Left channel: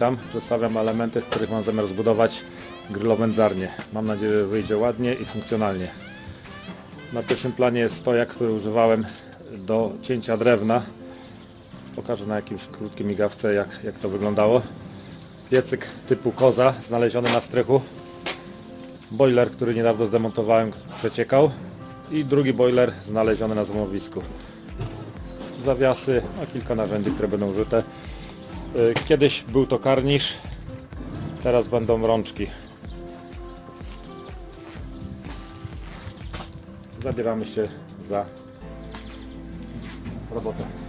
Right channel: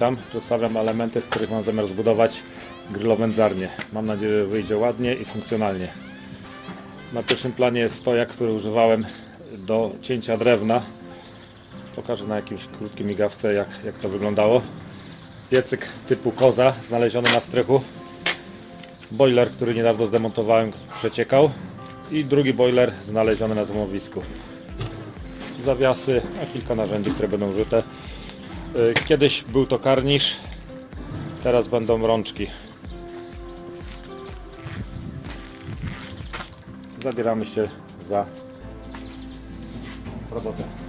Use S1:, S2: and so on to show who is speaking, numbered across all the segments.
S1: witam. Przedstawiam elementy, z których mam zamiar zbudować grillowędzarnię. Mam nadzieję, że wyjdzie ładnie i funkcjonalnie. Na pierwszym planie jest stojak, który używałem do cięcia drewna. Pokażę na jakimś krótkim migawce, jak, jak to wyglądało. Piecyk typu koza, znaleziony na strychu. Boiler, który niedawno zdemontowałem, przeciekał. I drugi boiler znaleziony na złomowisku. Zawiasy, a kilka narzędzi, które będą użyte. Y, Kiedyś był to karnisz, teraz będą rączki. Zabieramy się za robotę.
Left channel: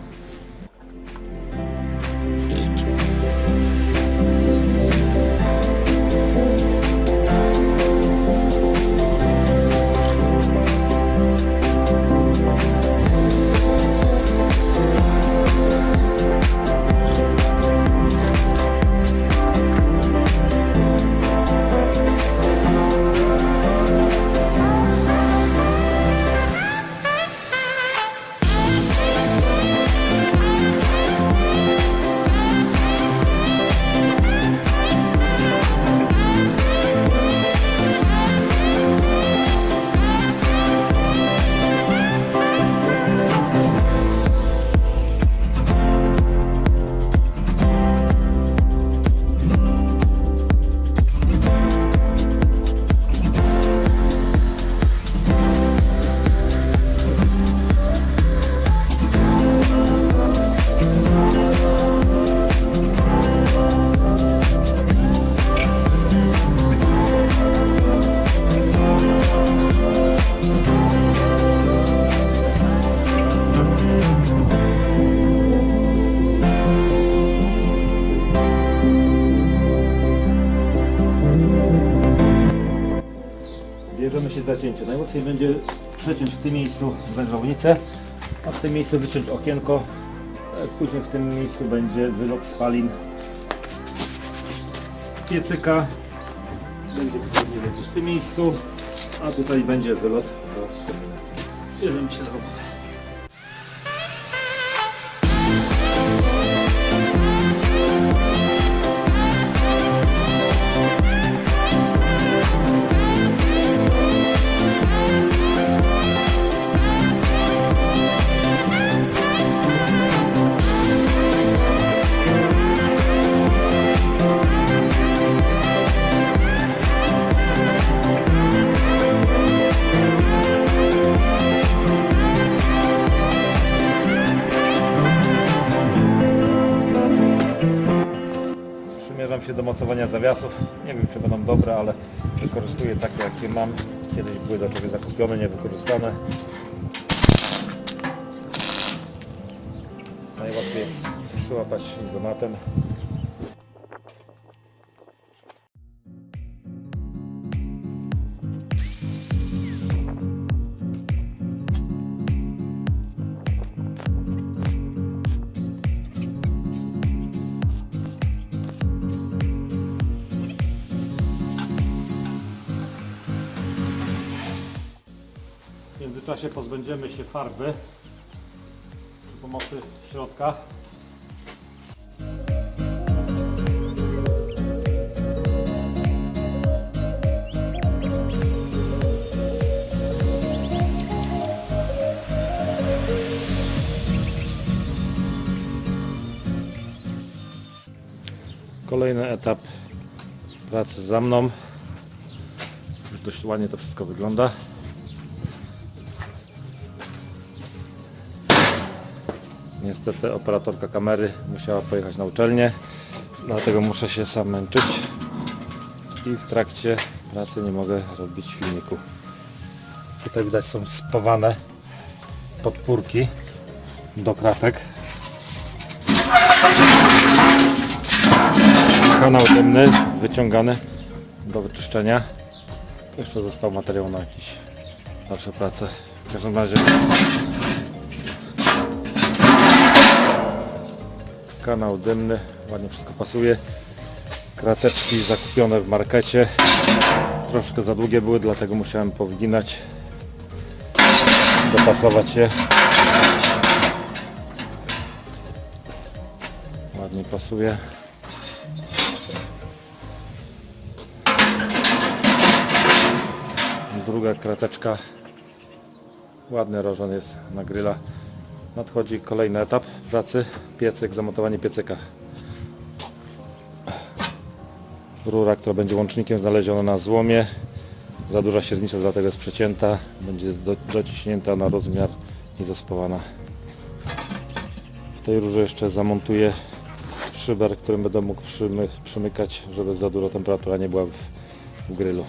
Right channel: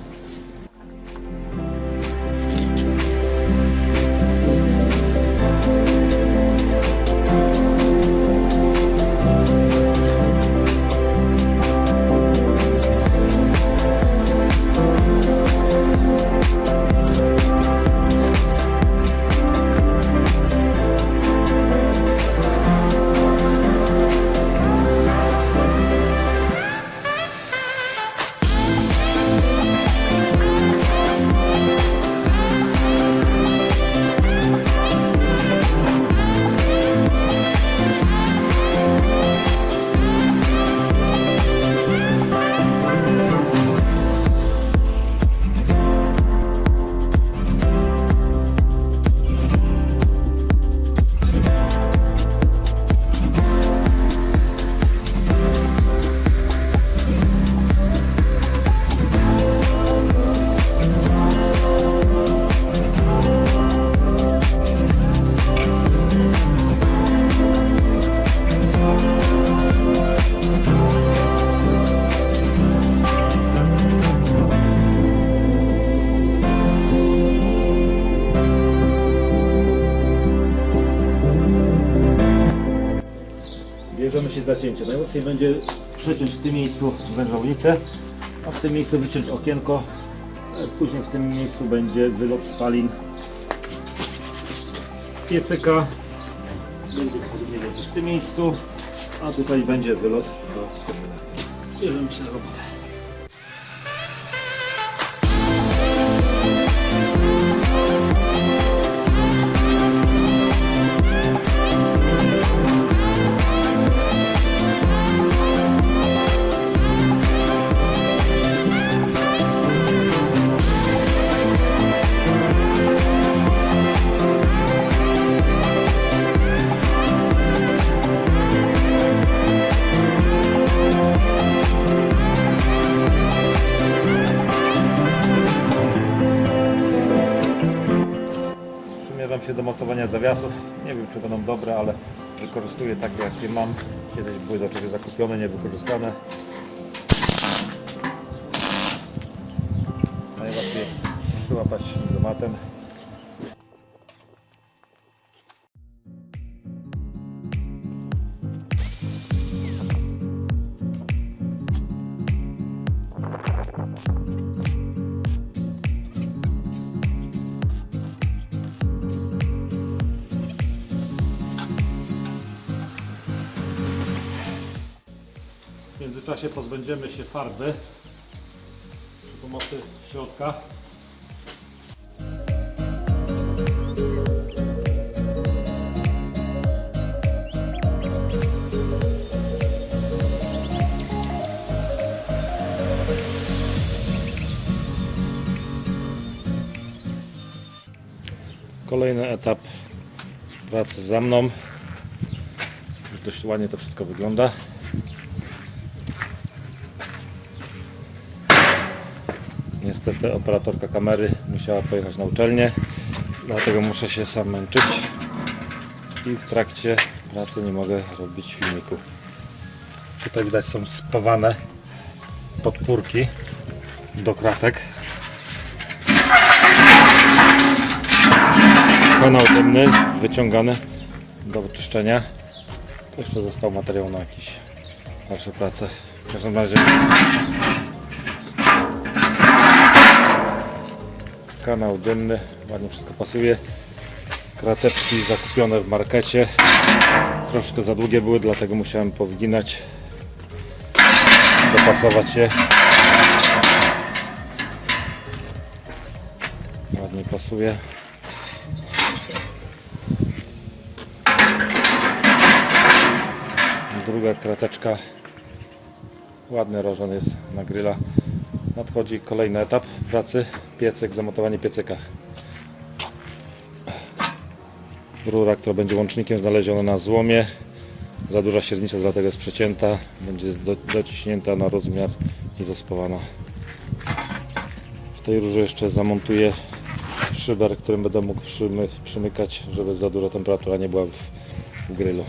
S1: Bierzemy się za cięcie. Najłatwiej będzie przeciąć w tym miejscu wężownicę, a w tym miejscu wyciąć okienko. Później w tym miejscu będzie wylot spalin z piecyka. Będzie mniej więcej w tym miejscu, a tutaj będzie wylot do komina. Bierzemy się za robotę. Się do mocowania zawiasów. Nie wiem czy będą dobre, ale wykorzystuję takie jakie mam. Kiedyś były do czegoś zakupione, niewykorzystane. Najłatwiej jest przyłapać izolatem. Międzyczasie pozbędziemy się farby przy pomocy środka. Kolejny etap pracy za mną. Już dość ładnie to wszystko wygląda. Niestety operatorka kamery musiała pojechać na uczelnię, dlatego muszę się sam męczyć i w trakcie pracy nie mogę robić filmików. Tutaj widać są spawane podpórki do kratek. Kanał dymny wyciągany do wyczyszczenia. Jeszcze został materiał na jakieś dalsze prace. W każdym razie kanał dymny, ładnie wszystko pasuje. Krateczki zakupione w markecie. Troszkę za długie były, dlatego musiałem powginać, dopasować je. Ładnie pasuje. Druga krateczka. Ładny rożon jest na gryla. Nadchodzi kolejny etap pracy. Piecyk, zamontowanie piecyka. Rura, która będzie łącznikiem znaleziona na złomie. Za duża średnica, dlatego jest przecięta. Będzie do, dociśnięta na rozmiar i zaspawana. W tej rurze jeszcze zamontuję szyber, którym będę mógł przymy, przymykać, żeby za duża temperatura nie była w, w grylu.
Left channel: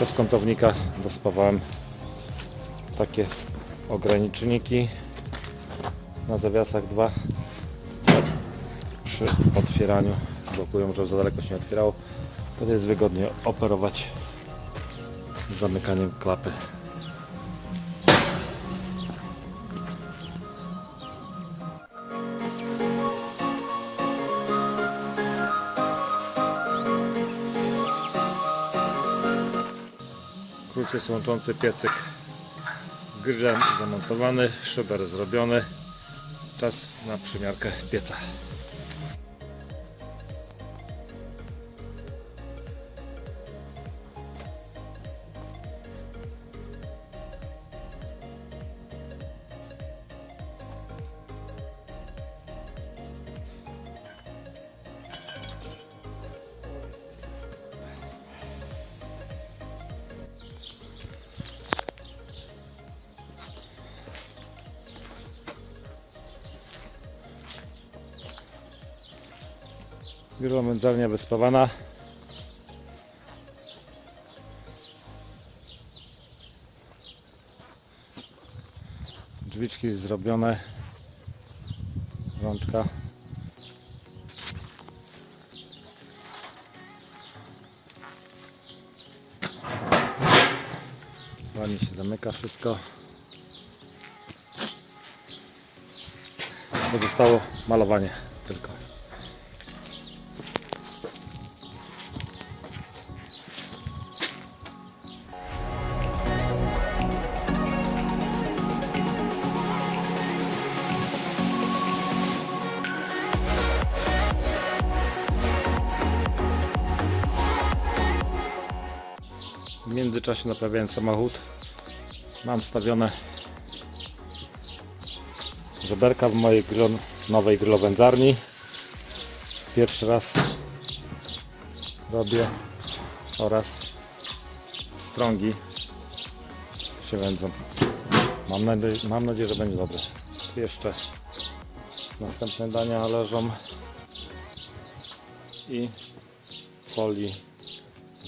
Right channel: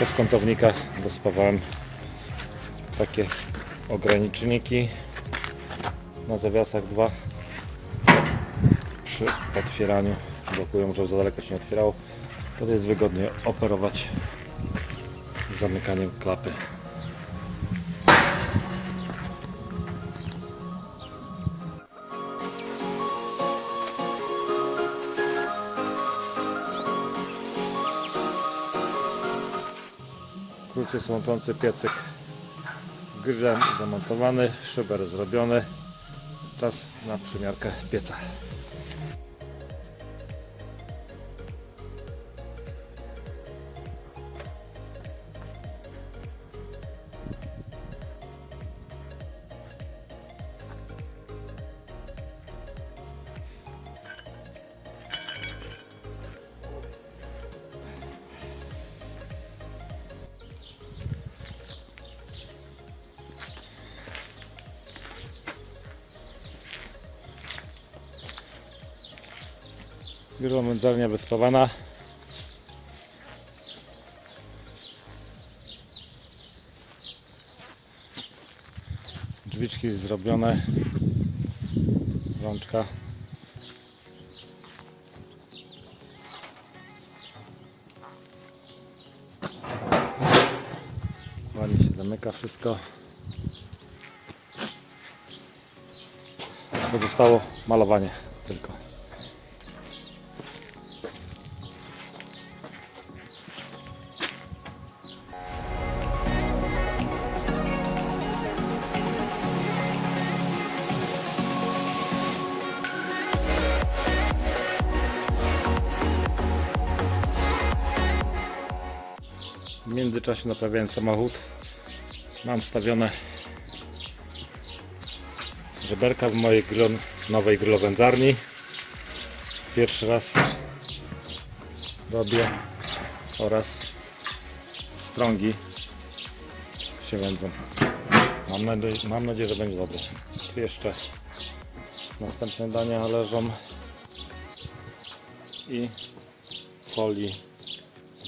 S1: Przez kątownika dospawałem takie ograniczniki na zawiasach dwa. Przy otwieraniu blokują, żeby za daleko się nie otwierało. Wtedy jest wygodnie operować zamykaniem klapy Krócej łączący piecyk z grillem zamontowany, szyber zrobiony. Czas na przymiarkę pieca. Grillomędzarnia wyspawana. Drzwiczki zrobione. Rączka. Ładnie się zamyka wszystko. Pozostało malowanie tylko. Międzyczasie naprawiałem samochód. Mam wstawione żeberka w mojej grill, nowej grillowędzarni. Pierwszy raz robię oraz strągi się wędzą. Mam nadzieję, mam nadzieję, że będzie dobre. Tu jeszcze następne dania leżą i folii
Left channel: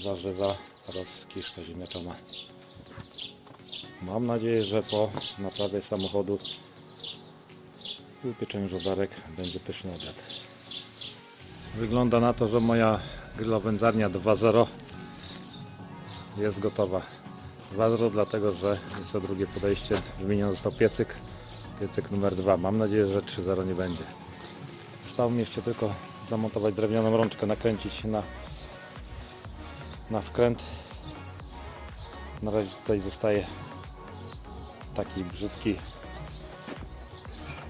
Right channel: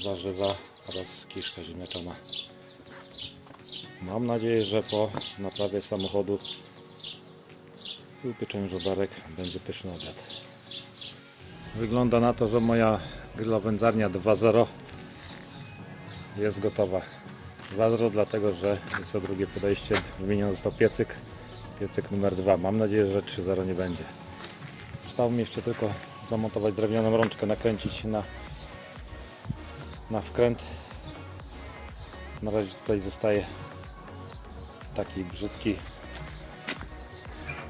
S1: warzywa oraz kiszka ziemniaczana. Mam nadzieję, że po naprawie samochodu i upieczeniu żołdarek będzie pyszny obiad. Wygląda na to, że moja grillowędzarnia 2.0 jest gotowa. 2.0 dlatego, że jest to drugie podejście. Wymieniony został piecyk. Piecyk numer 2. Mam nadzieję, że 3.0 nie będzie. Zostało mi jeszcze tylko zamontować drewnianą rączkę, nakręcić na na wkręt. Na razie tutaj zostaje taki brzydki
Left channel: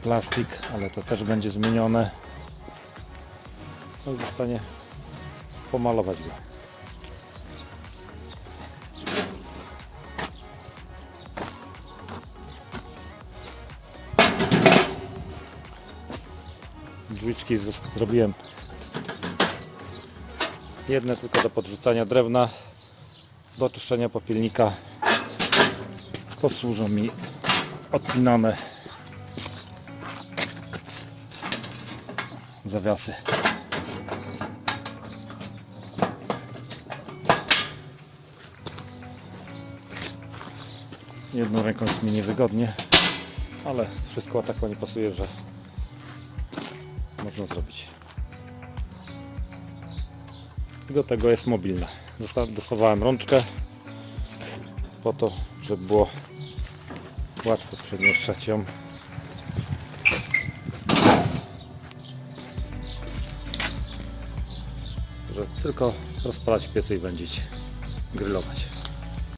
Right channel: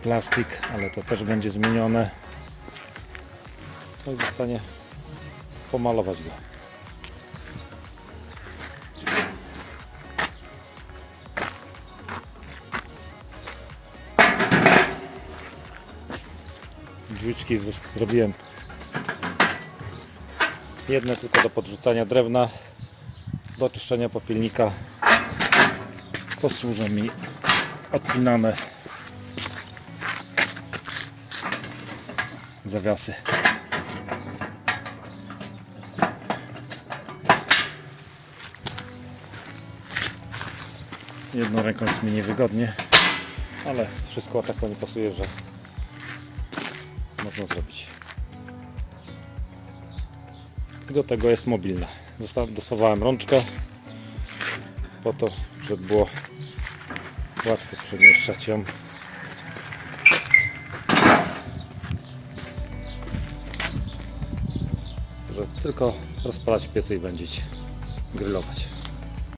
S1: plastik, ale to też będzie zmienione. No i zostanie pomalować go. Drzwiczki zrobiłem Jedne tylko do podrzucania drewna, do czyszczenia popielnika. Posłużą mi odpinane zawiasy. Jedną ręką jest mi niewygodnie, ale wszystko tak nie pasuje, że można zrobić. I do tego jest mobilna. Dosłowałem rączkę po to, żeby było łatwo przemieszczać ją. Że tylko rozpalać piecy i wędzić, grillować.